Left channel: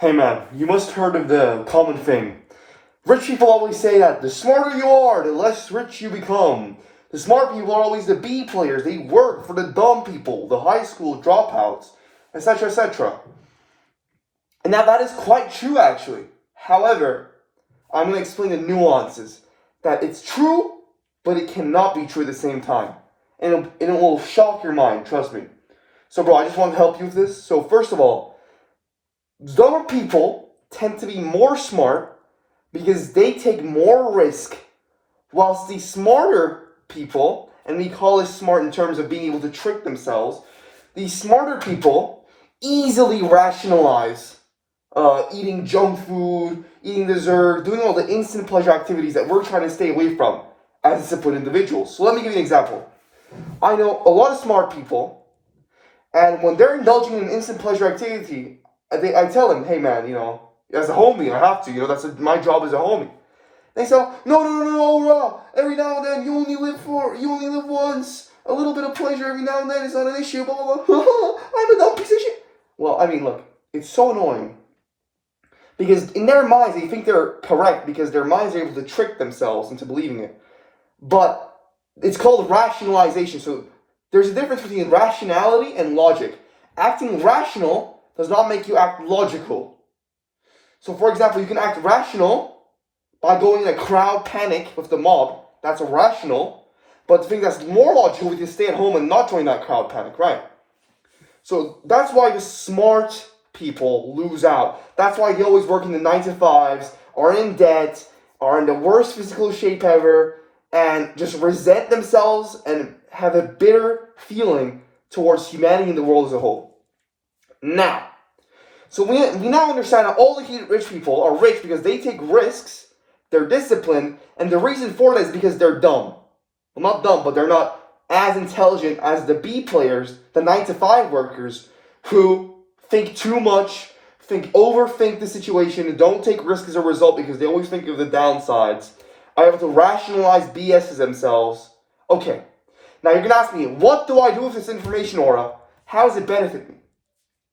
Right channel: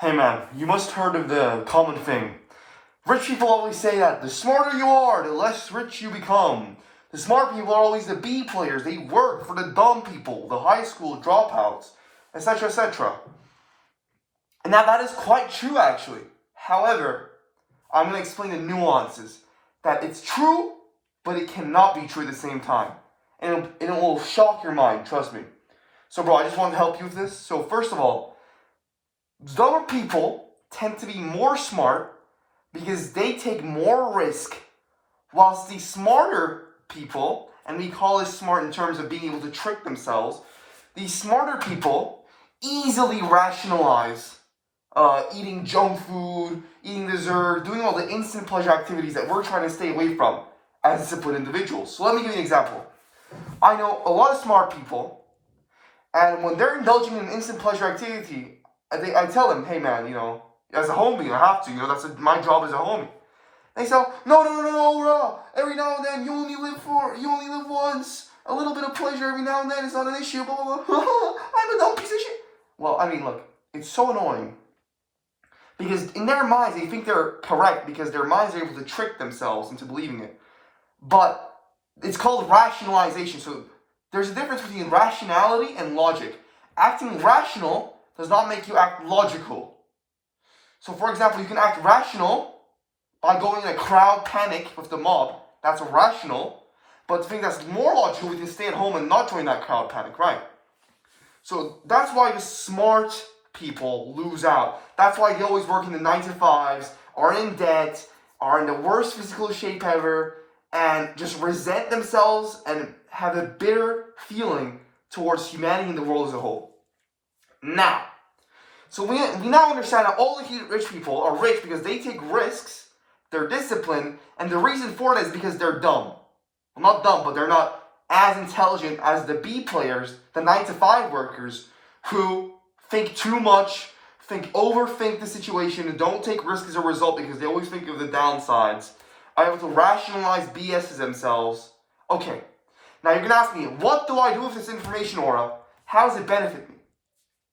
Hey man, you must have heard of the common thing. Rich people always say that the smarter you are, the less rich you become. The smart people are always the B players. They work for the dumb people, the high school dropouts, etc., etc. And now that is quite true actually. However, I'm going to explain the nuances. That it's true, but it cannot be true at the same time. And it will shock your mind, trust me. So bro, I just want to help you with this. So first of all, dumber people tend to be more smart because they take more risk, whilst the smarter people, and we call this smart in terms of being able to trick themselves, the smarter people easily rationalize eating junk food, eating dessert, doing all the instant pleasure activities that we're trying to stay away from as disciplined individuals. So let me give you an example. I know a lot of smart people, and when they're indulging in instant pleasure activity, I tell them, hey man, as a homie, I have to, my job as a homie. They say, no, every now and then you only live once. A little bit of pleasure every now and then is not an issue, blah, blah, blah. I'm a dumb piece of shit. Well, I mean, look, it's so annoying. Because in their minds, they think they're correct because their minds are able to trick themselves into believing it. But it's called rationalization. So there's a difference between rationality and logic. Acting rational does not make you act logical. So for example, you can act rational by going in a crowd panic with the mob. That's rational. But the thing that's more logical, you can stay at home and not join that crowd panic, right? So that's why the smart people lose out. That's why they always work in the 9-to-5s, are in debt, are in the worst physical shape ever, and just resent themselves and have a bitter feeling towards humanity and the world as a whole. Now, so we now understand that all the rich people are rich because they take risks, they're disciplined, and the reason for that is because they're dumb. Well, not dumb, but they're not as intelligent as the B players, the 9-to-5 workers, who think too much, overthink the situation, and don't take risks as a result because they always think of the downsides, are able to rationalize BS to themselves. Okay, now you're going to ask me, what do I do with this information, Aura? How does it benefit me?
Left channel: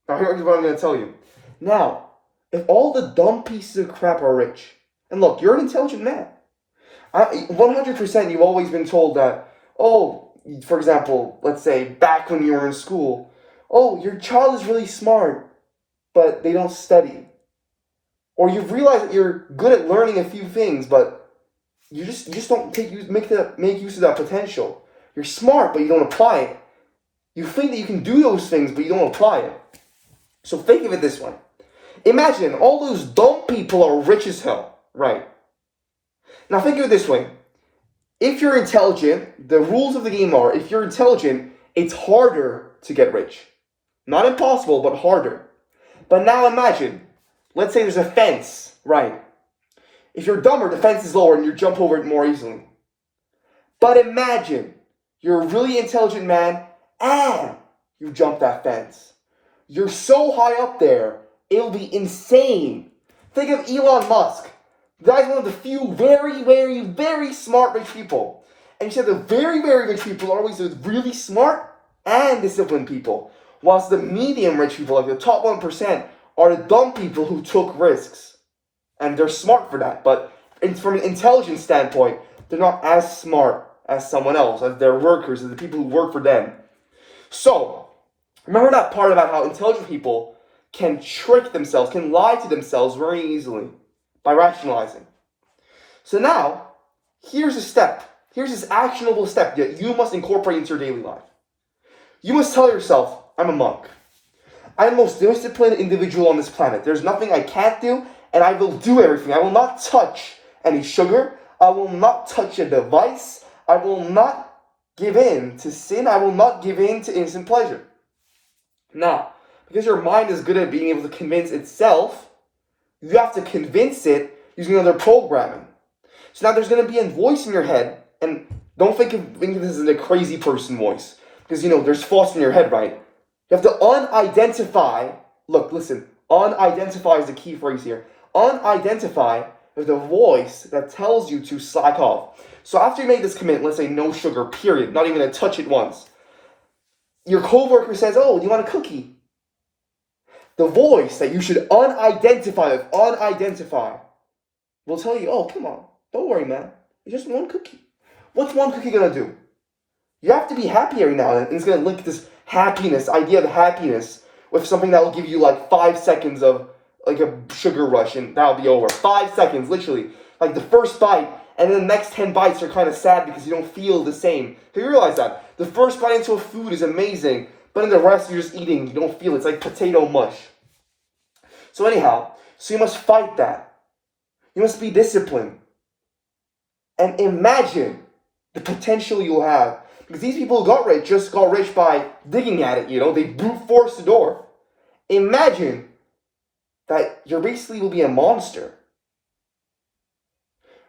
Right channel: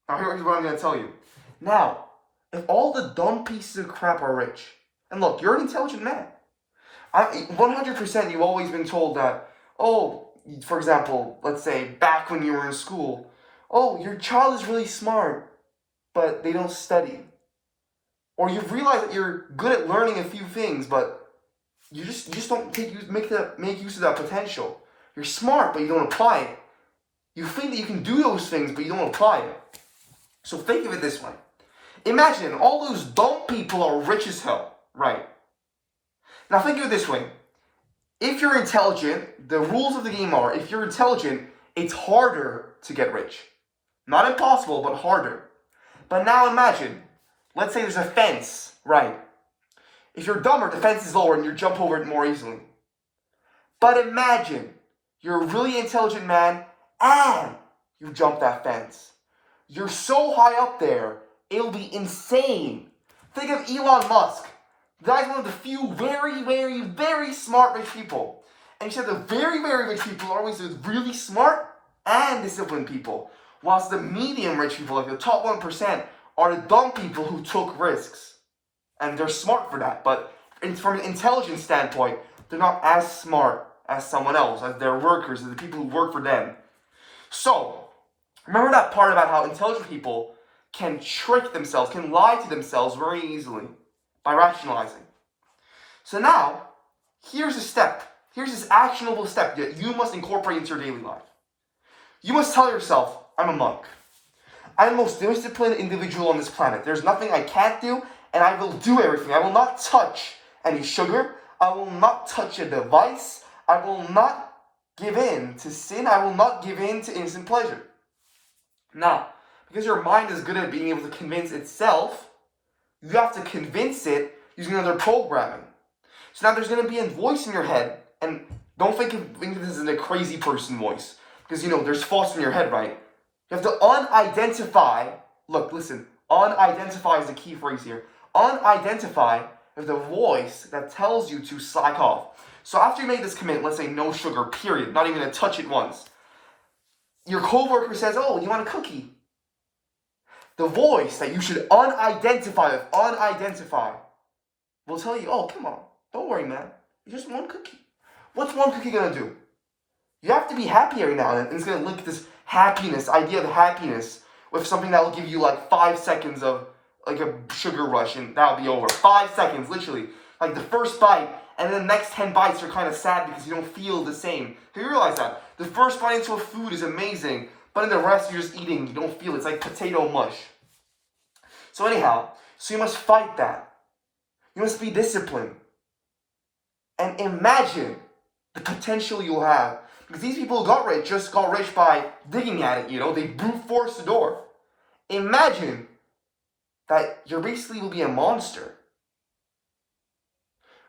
Now here's what I'm going to tell you. Now, if all the dumb pieces of crap are rich, and look, you're an intelligent man. 100% you've always been told that, for example, let's say back when you were in school, your child is really smart, but they don't study. Or you've realized that you're good at learning a few things, but you just don't make use of that potential. You're smart, but you don't apply it. You think that you can do those things, but you don't apply it. So think of it this way. Imagine all those dumb people are rich as hell, right? Now think of it this way. If you're intelligent, the rules of the game are, if you're intelligent, it's harder to get rich. Not impossible, but harder. But now imagine, let's say there's a fence, right? If you're dumber, the fence is lower and you jump over it more easily. But imagine, you're a really intelligent man and you jump that fence. You're so high up there, it'll be insane. Think of Elon Musk. The guy's one of the few very, very, very smart rich people. And you said the very, very rich people are always the really smart and disciplined people. Whilst the medium rich people, like the top 1%, are the dumb people who took risks. And they're smart for that. But from an intelligence standpoint, they're not as smart as someone else, as their workers, as the people who work for them. So, remember that part about how intelligent people can trick themselves, can lie to themselves very easily by rationalizing. So now, here's a step. Here's this actionable step that you must incorporate into your daily life. You must tell yourself, I'm a monk. I'm the most disciplined individual on this planet. There's nothing I can't do, and I will do everything. I will not touch any sugar. I will not touch a device. I will not give in to sin. I will not give in to instant pleasure. Now, because your mind is good at being able to convince itself, you have to convince it using other programming. So now there's going to be a voice in your head, and don't think of this as a crazy person voice, because there's thoughts in your head, right? You have to unidentify. Look, listen. Unidentify is the key phrase here. Unidentify is the voice that tells you to slack off. So after you make this commit, let's say no sugar, period, not even going to touch it once. Your coworker says, do you want a cookie? The voice that you should unidentify will tell you, oh, come on, don't worry, man. It's just one cookie. What's one cookie gonna do? You have to be happy every now and then. And it's gonna link this happiness, idea of happiness, with something that will give you like 5 seconds of like a sugar rush, and that'll be over. 5 seconds, literally. Like the first bite, and then the next 10 bites are kind of sad because you don't feel the same. Do you realize that? The first bite into a food is amazing, but in the rest you're just eating, you don't feel it. It's like potato mush. So anyhow, so you must fight that. You must be disciplined. And imagine the potential you'll have. Because these people who got rich just got rich by digging at it, they brute forced the door. Imagine that you basically will be a monster.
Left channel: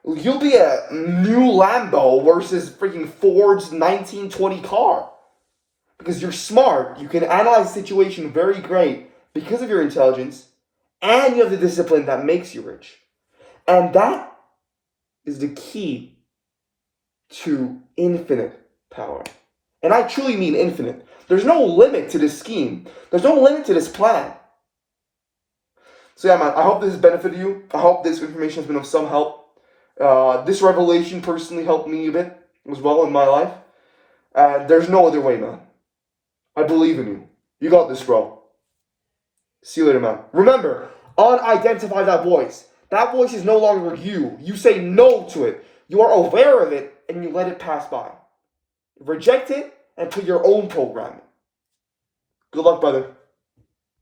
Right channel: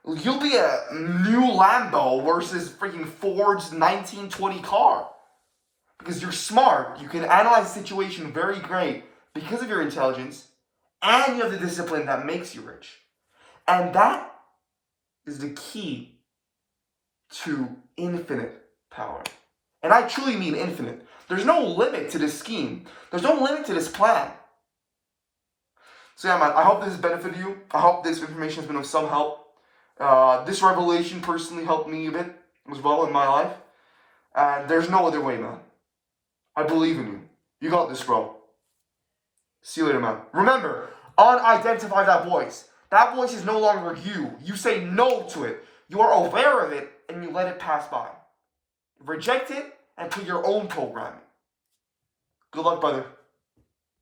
You'll be a new Lambo versus freaking Ford's 1920 car. Because you're smart, you can analyze the situation very great because of your intelligence, and you have the discipline that makes you rich. And that is the key to infinite power. And I truly mean infinite. There's no limit to this scheme. There's no limit to this plan. So yeah, man, I hope this has benefited you. I hope this information has been of some help. This revelation personally helped me a bit as well in my life. There's no other way, man. I believe in you. You got this, bro. See you later, man. Remember, unidentify that voice. That voice is no longer you. You say no to it. You are aware of it, and you let it pass by. Reject it, and put your own programming. Good luck, brother.